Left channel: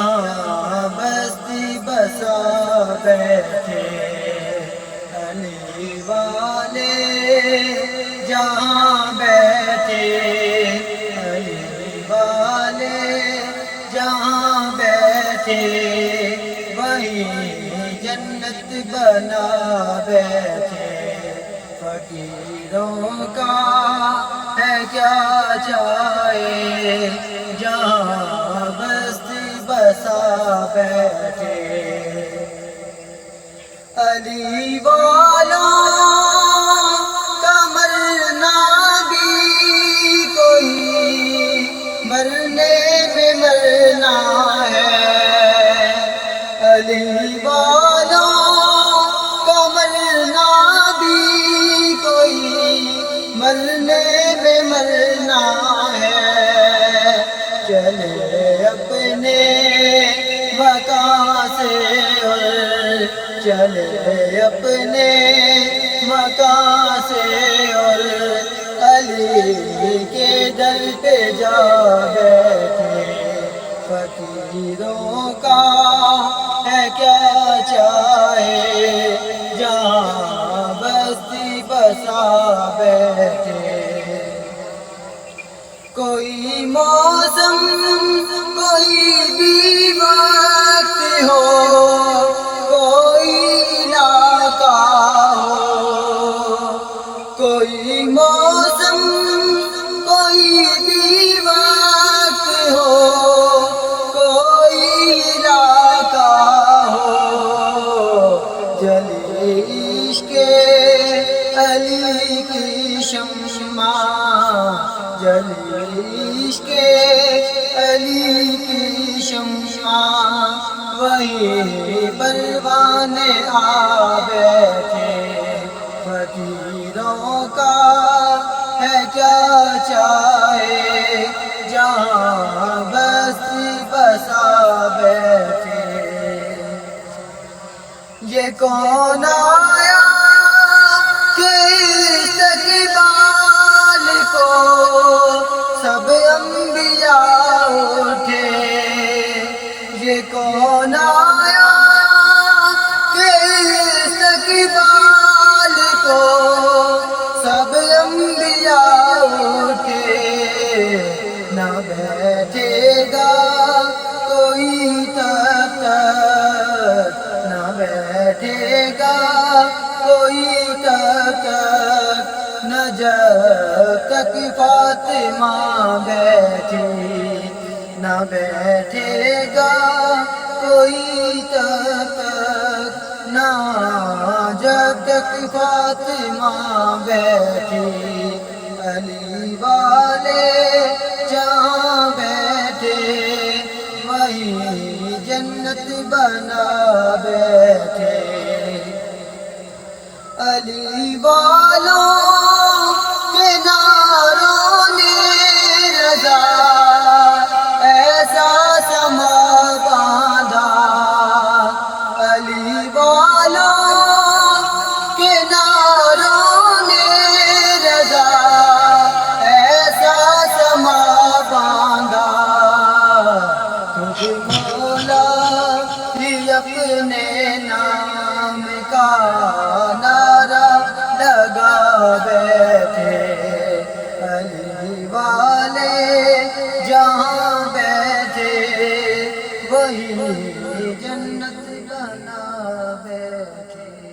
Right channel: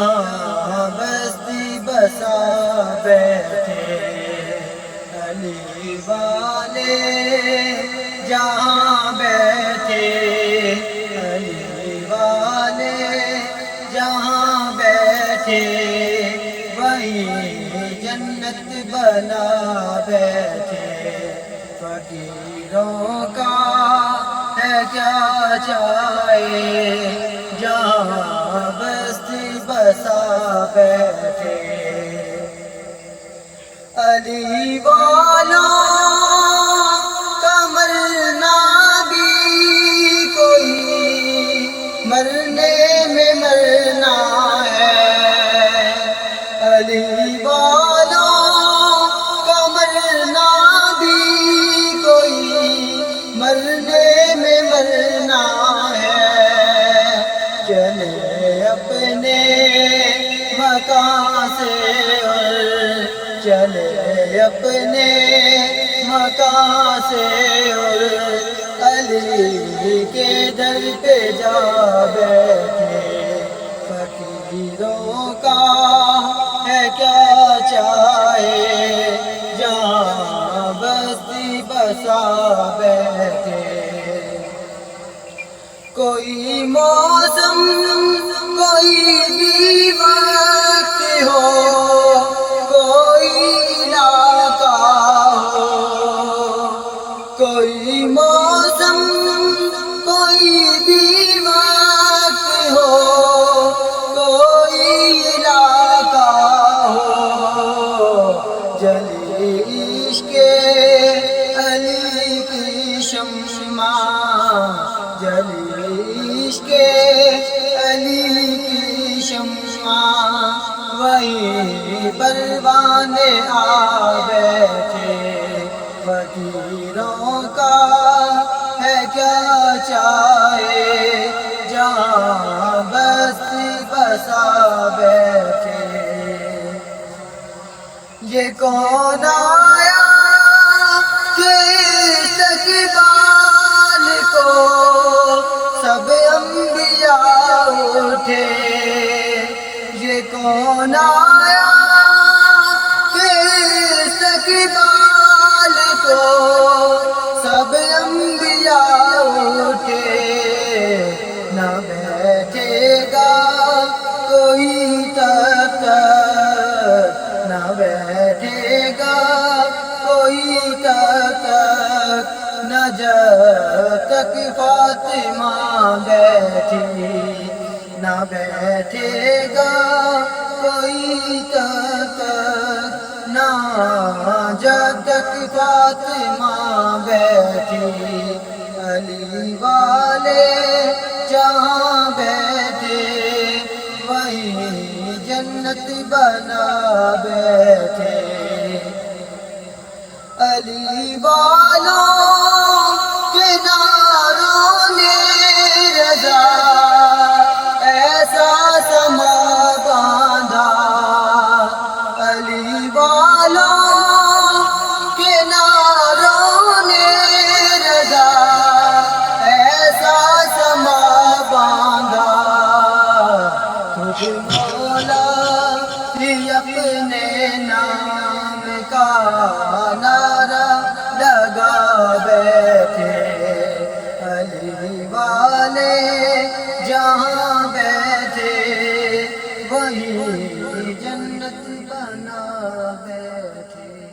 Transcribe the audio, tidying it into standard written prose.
جہاں بستی بسا بیٹھے علی والے، جہاں بیٹھے علی والے، جہاں بیٹھے وہی جنت بنا بیٹھے۔ فقیروں کا ہے کیا چاہے، جہاں بستی بسا بیٹھے۔ علی والوں کا مرنا بھی کوئی مرنے میں مرنا ہے۔ علی والوں کا مرنا بھی کوئی مرنے میں مرنا ہے۔ چلے اپنے مکان سے اور چلے اپنے مکان سے اور علی کے در پہ جا بیٹھے۔ فقیروں کا ہے کیا چاہے، جہاں بستی بسا بیٹھے۔ کوئی موسم کوئی بھی وقت ہو، کوئی علاقہ ہو، کوئی موسم کوئی بھی وقت ہو، کوئی علاقہ ہو، جلی عشق علی کی شمع، جلی عشق علی کی شمع، وہی پروانے آ بیٹھے۔ فقیروں کا ہے کیا چاہے، جہاں بستی بسا بیٹھے۔ یہ کون آیا کہ استقبال کو سب انبیاء اٹھے، یہ کون آیا کہ استقبال کو سب انبیاء اٹھے۔ نہ بیٹھے گا کوئی تب تک، نہ بیٹھے گا کوئی تب تک، نہ جب تک فاطمہ بیٹھی، نہ بیٹھے گا کوئی تب تک، نہ جب تک فاطمہ بیٹھی۔ علی والے جہاں بیٹھے وہی جنت بنا بیٹھے۔ علی والوں کے نعروں نے رضا ایسا سما باندھا، علی والوں کے نعروں نے رضا ایسا سما باندھا۔ تجھ مولا ہی اپنے نام کا نعرہ لگا بیٹھے۔ علی والے جہاں بیٹھے وہی جنت بنا بیٹھے۔